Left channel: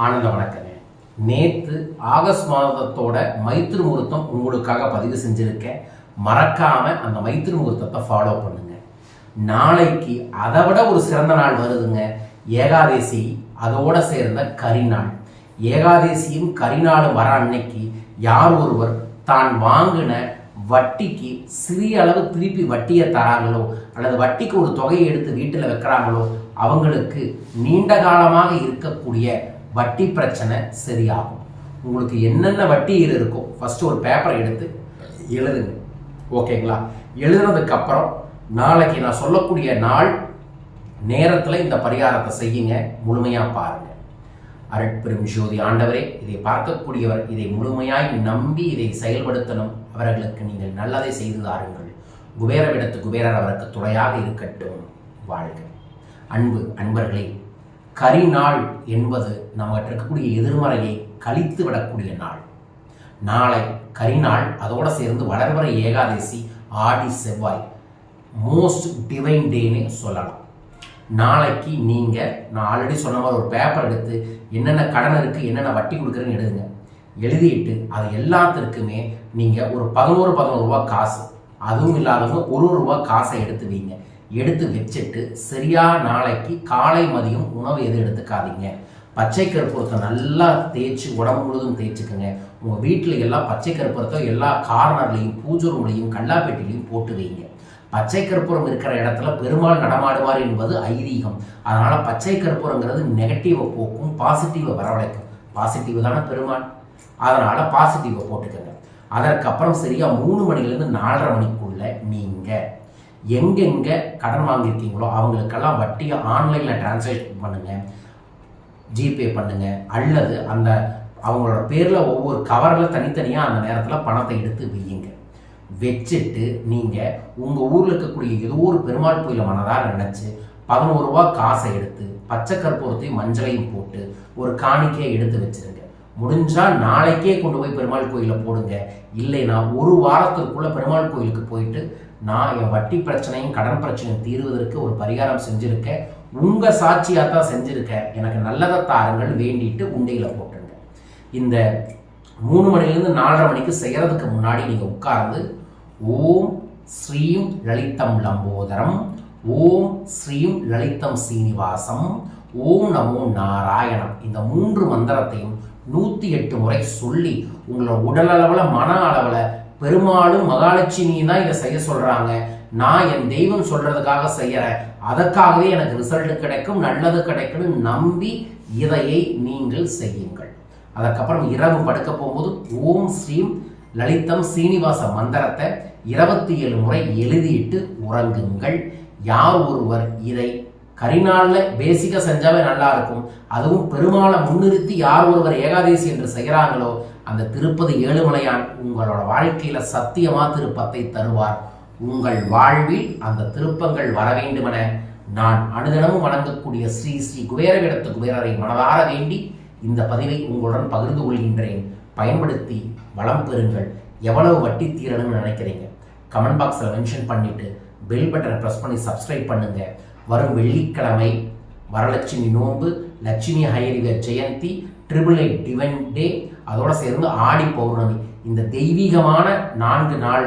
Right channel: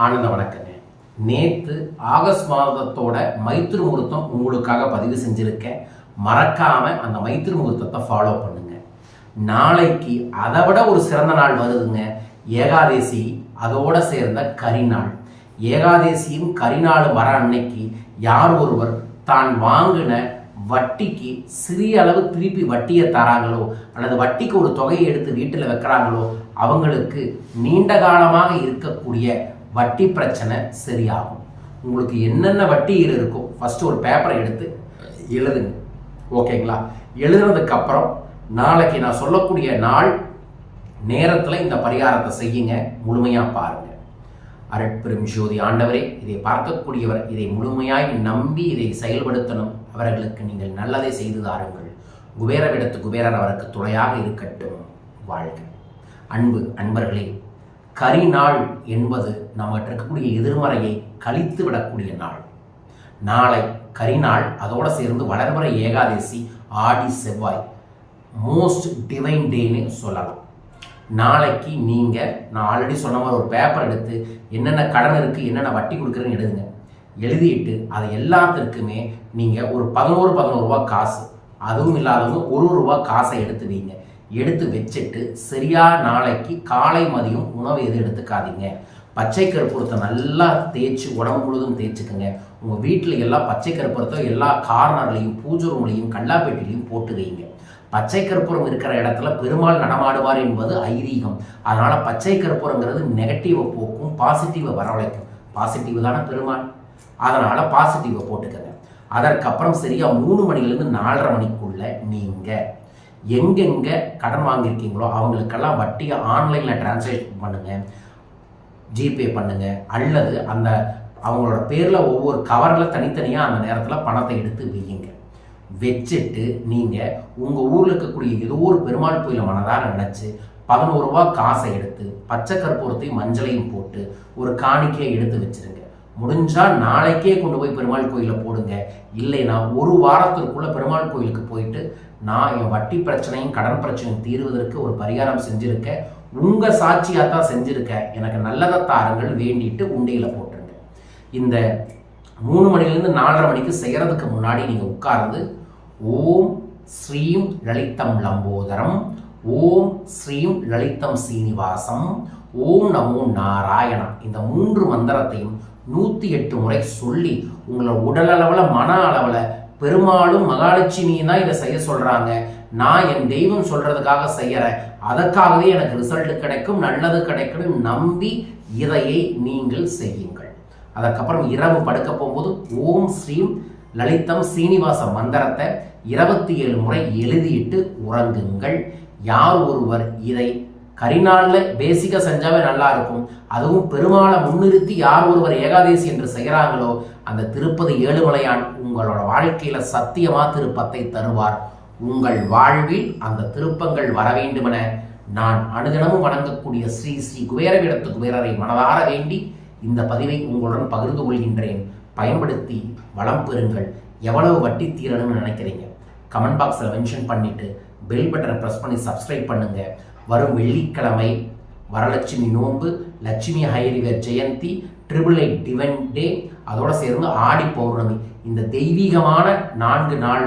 ஆனந்த வணக்கங்க. நேற்று ஆகஸ்ட் மாதத்தோட மைத்திரு முகூர்த்தம் உங்களுக்காக பதிவு செஞ்சுருக்கேன். மறக்காம அந்த மைத்திரு முகூர்த்தத்தை ஃபாலோ பண்ணுங்க. நாளைக்கு அதை விட ஒரு சிறந்த நாள் வருதுங்க. ஏகாதேசி அதோட சேர்ந்த கரிநாள் ஏகாதேசியும் கரிநாளும் வர அன்னைக்கு யார் ஒருவர் தான் வாங்கின வட்டிக்கு சிறிய அளவு திருப்பி வட்டியை தராங்களோ அல்லது வட்டிக்கு ஒரு தொகையை எடுத்து வீட்டில் வைக்கிறாங்களோ அவங்களுக்கு நீண்ட காலமாக இருக்கக்கூடிய வட்டி பிரச்சனை சரியாகும். உங்களுக்கு என்னென்ன வட்டி இருக்கோ ஃபஸ்ட்டு ஒரு பேப்பரை எடுத்து எழுதுங்க. ஓகேங்களா எழுதுனதுக்கப்புறம் நாளைக்கு நான் சொல்லக்கூடிய நாள் நேரத்தில் இந்த பரிகாரத்தை செய்யுங்க. முழுமையாக பாருங்க. அருட்பெரும் ஜோதி ஆண்டவரே இதை பார்க்கக்கூடியவர் இதை முழுமையாய் நம்பி இதை செயல்படுத்தணும். அவர்களுக்கு நீங்கள் நல்லதை செய்து தாருங்கள். குபேரவிடத்து குபேரர் அவருக்கு துணையாக இருக்கட்டும். வாழ்க. அன்பு அன்பர்களே கரிநாள் என்பது நமக்கு இருக்கக்கூடிய எதிர்மறையை கழித்து விடக்கூடிய நாள். நாளை கரிநாள் அதோடு சேர்ந்து வளர்வரை ஏகாதசி ஆடி செவ்வாய் மோஸ்ட் டிவைன் டேன்னு சொல்லலாம். நாளைக்கு நீங்கள் நான் ஆல்ரெடி சொன்ன மாதிரி ஒரு பேப்பர் எடுத்து என்னென்ன கடன் இருக்குது என்னென்ன வட்டி கொடுக்குறேன்னு எழுதுங்க. எழுதிட்டு அது எல்லாத்திற்குமே நீங்கள் ஒரு பதினோரு பதினோரு ரூபா காசு அதுவும் இல்லாதவங்க ஒரு ஒரு ரூபா காசை எடுத்து வைங்க. எடுத்து வச்சுட்டு சரியா நாளைக்கு காலை மதியம் உணவு எதுவும் எடுத்துக்காதீங்க. பச்சை கருப்பூரத்தை நல்லா தேய்ச்சி உடம்பு முழுதும் தேய்ச்சிக்கோங்க. உங்கள் வீட்டில் எல்லாம் பச்சை கருப்பூரத்தை எல்லா கார்னர்லையும் பூஜை ரூம்லையும் கல்லாப்பேட்டிலையும் போட்டு வைங்க. பச்சை கற்பூரம் இருக்கிற இடத்துல பெருமாள் நடமாடுவார் என்பது ஐதீகம். அதனால் பச்சை கற்பூரங்கிறது நெகட்டிவை போக்கும் பாசிட்டிவை வரவழைக்கும். பாசிட்டிவ் தானே பெருமாள்? அதனால் பாசிட்டிவை போட்டுக்கோங்க. அதற்கப்புறம் சரியாக மூணு மணிலேருந்து நாலரை மணிக்குள்ளே நீங்கள் எங்கெங்கே கடன் வாங்கியிருக்கீங்களோ அவங்களுக்கெல்லாம் வட்டியை ஆன்லைனில் டிரான்சாக்ஷன் பண்ணுங்கள் ஜிபே பண்ணுங்கள் அல்லது அந்த அவங்களோட பேரில் ஒவ்வொரு கவரில் தனித்தனியாக அந்த நேரத்தில் பணத்தை எடுத்து வையுங்க. வச்சுட்டு நீங்கள் உங்கள் ஊரில் இருக்கக்கூடிய ஏதோ ஒரு பெருமாள் கோயிலை மனதாக நினச்சி பதினோரு ரூபா காசை எடுத்து பச்சை கற்பூரத்தையும் மஞ்சளையும் போட்டு ஒரு காணிக்கையை எடுத்து வச்சுருங்க. முடிஞ்சால் நாளைக்கே கொண்டு போய் பெருமாள் கோயிலில் போடுங்க. இல்லைன்னா ஒரு வாரத்திற்குள்ளே பெருமாள் கோயிலுக்கு போயிட்டு நான் என் வட்டி பிரச்சனையும் கடன் பிரச்சனையும் தீர்வதற்கு ஒரு பரிகாரம் செஞ்சுருக்கேன். உங்கள் சாட்சியாக தான் செஞ்சுருக்கேன். எனக்கு நல்லதை தாருங்கள் வேண்டிட்டு உண்டையில் போட்டுருங்க. இந்த மூணு மணிலேருந்து நாலரை மணிக்கு செய்கிறதுக்கு முன்னாடி நீங்கள் உட்கார்ந்து ஓம் ஸ்ரீம் லலிதம் லம்போதரம் ஓம் ஸ்ரீம் லலிதம் சீனிவாசம் ஓம் நமோ நாராயணா இந்த மூன்று மந்திரத்தையும் நூற்றி எட்டு முறை சொல்லி உங்களை உடல் அளவில் மன அளவில் பெருமாளும் மகாலட்சுமியும் தான் இதை செய்ய சொல்கிறாங்க நான் என் தெய்வம் சொல்கிறதுக்காக செய்கிறேன் அதற்காகவே எனக்கு ரிசல்ட் கிடைக்கும் நல்லது கிடைக்கும்னு நம்பி இதையை நீங்கள் செய்யுங்கள். அதற்கப்புறம் இரவு படுக்க போகும்போது ஓம் ஸ்ரீம் லலிதம் சீனிவாச மந்திரத்தை இருபத்தி ஏழு முறை எழுதிட்டு உறங்குங்கள். யார் ஒருவர் இதை கரிநாளில் பேசிக்காக செஞ்சாவே நல்லா இருக்கும். அதுவும் பெருமாளை முன்னிறுத்தி யார் ஒருவர் ஏகாதேசி என்று செய்கிறாங்களோ அந்த திருப்பதி ஏழுமலையான் உங்களோட வாழ்க்கையில் சத்தியமா திருப்பத்தை தருவார். உங்கள் வாழ்வில் அந்த திருப்பங்கள் வர வேண்டுமென நான் அனுதினமும் வணங்கக்கூடிய ஸ்ரீ ஸ்ரீ குபேரவிடத்து குபேரரை மனதார வேண்டி இந்த பதிவை உங்களுடன் பகிர்ந்து கொள்கின்றேன். பயன்படுத்தி வளம் பெறுங்கள். எவ்வளவு வட்டி தீரணும்னு நினைக்கிறீங்க? கமெண்ட் பாக்ஸில் மென்ஷன் பண்ணிவிட்டு பெல் பட்டனை ப்ரெஸ் பண்ணி சப்ஸ்கிரைப் பண்ணுங்கள் வரும் வெள்ளிக்கிழமை வரலட்சுமி நோன்பு Lakshmi ஹயரிவர் Jayanti triple eight divine day அதோடு சேர்ந்து ஆடி பௌர்ணமி. இந்த தெய்வீகமான நான்கு நாள்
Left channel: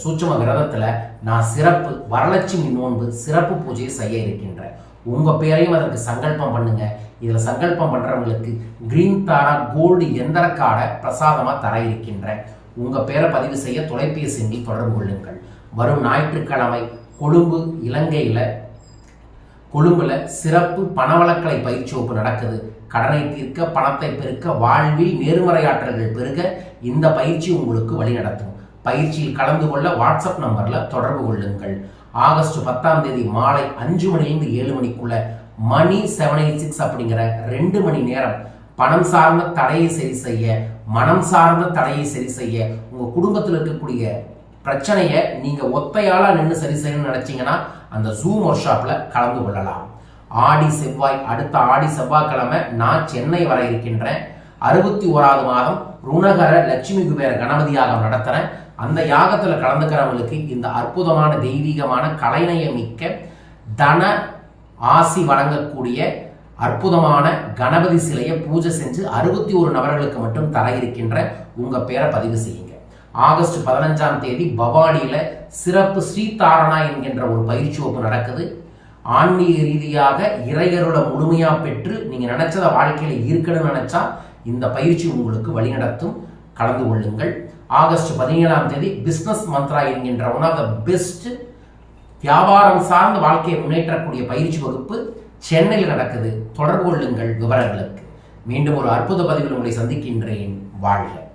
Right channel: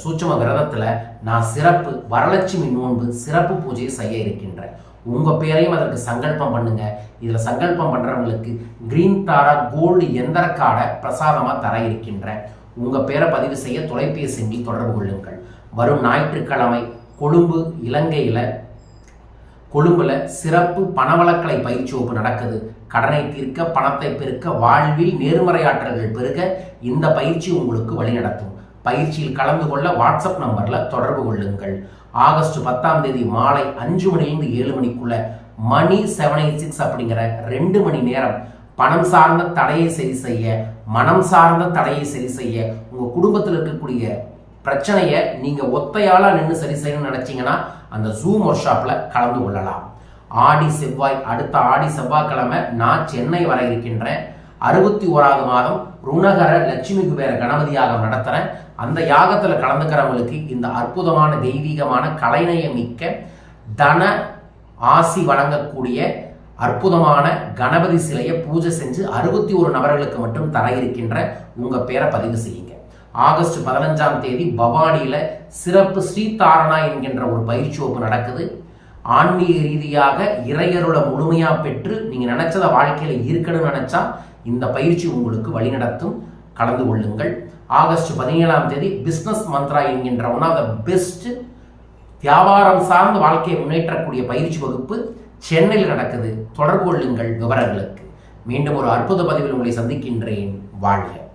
சூட்சம விரதத்தில் நான் சிறப்பு வரலட்சுமி நோன்பு சிறப்பு பூஜையை செய்ய இருக்கின்றேன். உங்கள் பேரையும் அதற்கு சங்கல்பம் பண்ணுங்க. இதில் சங்கல்பம் பண்ணுறவங்களுக்கு கிரீன் தாரா கோல்டு எந்திர கார்டை பிரசாதமாக தர இருக்கின்றேன். உங்கள் பேரை பதிவு செய்ய தொலைபேசி எண்ணில் தொடர்பு கொள்ளுங்கள். வரும் ஞாயிற்றுக்கிழமை கொழும்பு இலங்கையில் கொழும்புல சிறப்பு பணவளக்கலை பயிற்சி வகுப்பு நடக்குது. கடனை தீர்க்க பணத்தை பெருக்க வாழ்வில் நேர்மறையாற்றல்கள் பெருக இந்த பயிற்சி உங்களுக்கு வழிநடத்தும். பயிற்சியில் கலந்து கொள்ள வாட்ஸ்அப் நம்பரில் தொடர்பு கொள்ளுங்கள். ஆகஸ்ட் பத்தாம் தேதி மாலை அஞ்சு மணிலிருந்து ஏழு மணிக்குள்ள மணி செவன் எயிட் சிக்ஸ் அப்படிங்கிற ரெண்டு மணி நேரம் பணம் சார்ந்த தடையை சரி செய்ய மனம் சார்ந்த தடையை சரி செய்ய உங்கள் குடும்பத்தில் இருக்கக்கூடிய பிரச்சனையை நீங்கள் ஒத்தையாளாக நின்று சரி செய்யணும்னு நினச்சிங்கன்னா அந்த ஜூம் ஒர்க் ஷாப்பில் கலந்து கொள்ளலாம். ஆடி செவ்வாய் அடுத்த ஆடி செவ்வாய்க்கிழமை நான் சென்னை வர இருக்கின்றேன். அறுபத்தி ஓராவது மாதம் ருணகர லட்சுமி குபேர கணபதி யாகம் நடத்துகிறேன் அந்த யாகத்தில் கலந்துக்கிறவங்களுக்கு இந்த அற்புதமான தெய்வீகமான கலைநயம் மிக்க தன ஆசி வழங்கக்கூடிய அற்புதமான கணபதி சிலையை பூஜை செஞ்சு அறுபத்தி ஒரு நபர்களுக்கு மட்டும் தர இருக்கின்ற உங்கள் பேரை பதிவு செய்யுங்க. ஆகஸ்ட் பதினஞ்சாம் தேதி பவானியில் சிறப்பு ஸ்ரீதாரணா என்கின்ற ஒரு பயிற்சி வகுப்பு நடக்குது. ஆன்மீக ரீதியாக இறையருளை முழுமையாக பெற்று நீங்கள் நினச்சத வாழ்க்கையில் இருக்கணும்னு நினச்சா இந்த பயிற்சி உங்களுக்கு வழிநடத்தும். கலந்து கொள்ளுங்கள். ஆகஸ்ட் பதினேழாம் தேதி பிஸ்னஸ் மந்த்ரா என்கின்ற ஒன் ஆஃப் த பெஸ்ட் வியாபாரம் சார்ந்த வாழ்க்கையை முன்னேற்றக்கூடிய பயிற்சி வகுப்பு சென்னையில் நடக்குது. தொடர்பு கொள்ளுங்கள் விவரங்களுக்கு. மீண்டும் ஒரு அற்புத பதிவில் உங்களை சந்திக்கின்றேன். வாழ்க.